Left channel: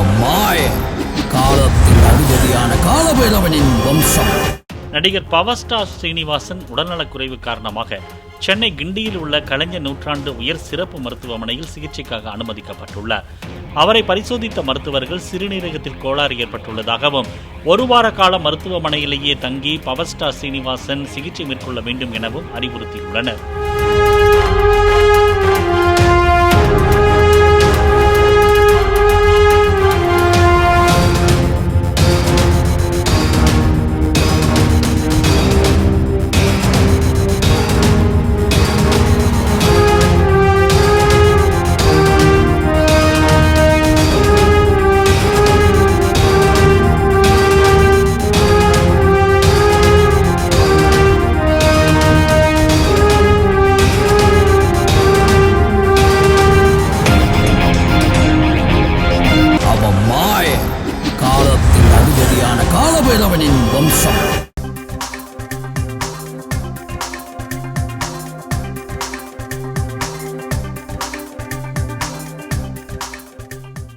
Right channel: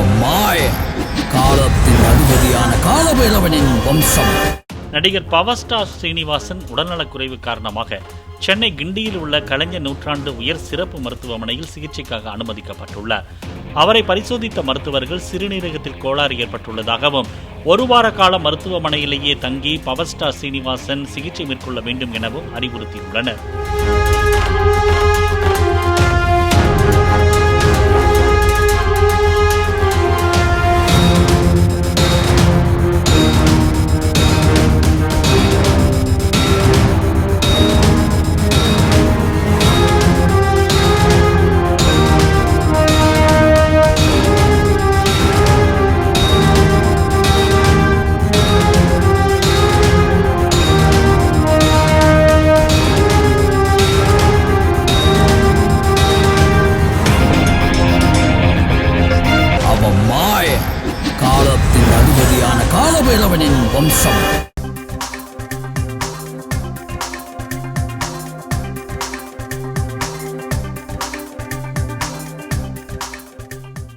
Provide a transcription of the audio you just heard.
அவன் மாய காலத்தின் அதிபதியான காலபைரவனின் வம்சம். நடிகர் பவர் ஸ்டார் ஸ்ரீனிவாசன் உடல்நலக்குறைவு காரணமாக சென்னை கிண்டியில் உள்ள கலைஞர் நூற்றாண்டு உயர் சிறப்பு மருத்துவமனையில் சிகிச்சைக்காக அனுமதிக்கப்பட்டுள்ளார். அவரை பரிசோதித்த மருத்துவர்கள் சிறுநீரகத்தில் கோளாறு ஏற்பட்டுள்ளதாகவும் 1 வார கால மருத்துவமனையிலேயே தங்கி பவர் ஸ்டார் ஸ்ரீனிவாசன் சிகிச்சை மேற்கொள்ள வேண்டும் எனவும் அறிவுறுத்தியுள்ளனர். அவன் மாய காலத்தின் அதிபதியான காலபைரவனின் வம்சம்.